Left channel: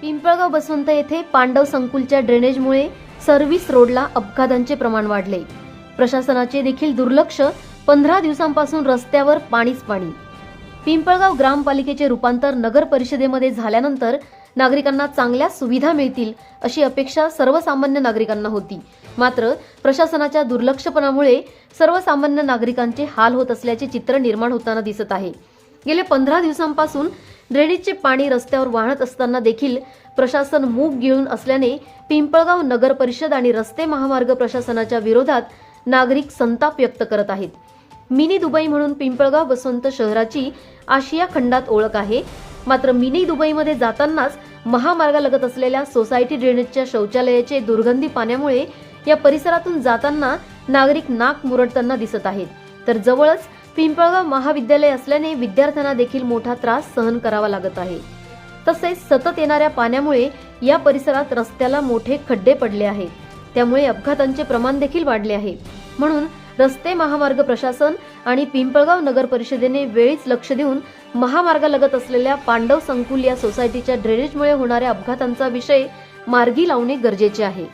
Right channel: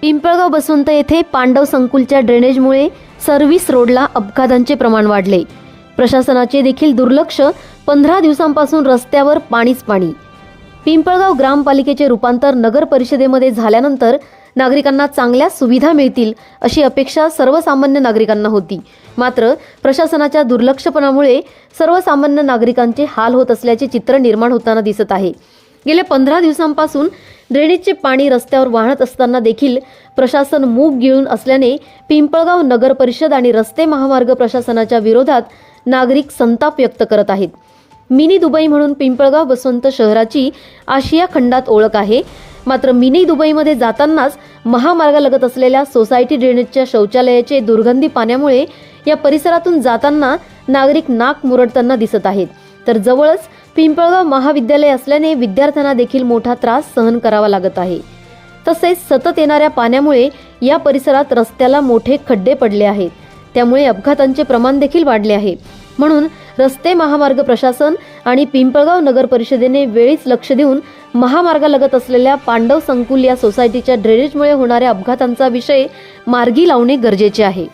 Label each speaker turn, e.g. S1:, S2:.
S1: पिंपळगाव बसवंत येथे पांडव संकुलच्या ड्रेनेजमुळे सर्व्हिस रोडला अपघातांचे प्रमाण वाढले. प्रशासनाचे देखील दुर्लक्ष पंधरा दिवसांपासून रस्त्यावर पाणीच पाणी. पिंपळगाव ग्रामपालिकेचे रूपांतर नगर परिषदेमध्ये झाल्यानंतर नागरिकांना चांगल्या सुविधा मिळतील अशी अपेक्षा सर्वसामान्य नागरिकांना होती. मात्र प्रशासनाच्या दुर्लक्षपणामुळे सर्वसामान्य नागरिकांचे हाल होत असल्याचे चित्र निर्माण होताना दिसत आहे. गेल्या पंधरा दिवसांपासून ड्रेनेजचे पाणी रस्त्यावर वाहत असताना देखील प्रशासन मूग गिळून असल्याने पिंपळगाव नगर परिषद आणि रस्ते महामार्ग प्रशासनाच्या विरोधात नागरिक संताप व्यक्त करत आहेत. मिनी दुबई म्हणून पिंपळगाव बसवंत शहराची आशिया खंडात ओळख आहे. मात्र मिनी दुबईमध्ये जातानाच महामार्गालगत असलेल्या सोसायटी ड्रेनेजच्या शौचालयाचे दुर्गंधी पाण्यामुळे या परिसरातून जाताना नागरिक नाक मुरडताना दिसत आहेत. तर जवळच पिंपळगाव महाविद्यालय असल्याने विद्यार्थ्यांना देखील मोठा त्रास सहन करावा लागत आहे. तसेच सतत येणाऱ्या पाण्यामुळे या परिसरात रस्त्याला मोठे खड्डे पडले आहेत. त्यामुळे अपघातांचे प्रमाण देखील वाढले आहे. म्हणून रस्ते महामार्ग प्रशासन आणि पिंपळगाव नगर परिषदेने वेळीच लक्ष देऊन महामार्गालगत असलेल्या पांडव संकुल या सोसायटीच्या ड्रेनेजमुळे होणाऱ्या अपघातांचा विषय मार्गी लावणे गरजेचे आहे.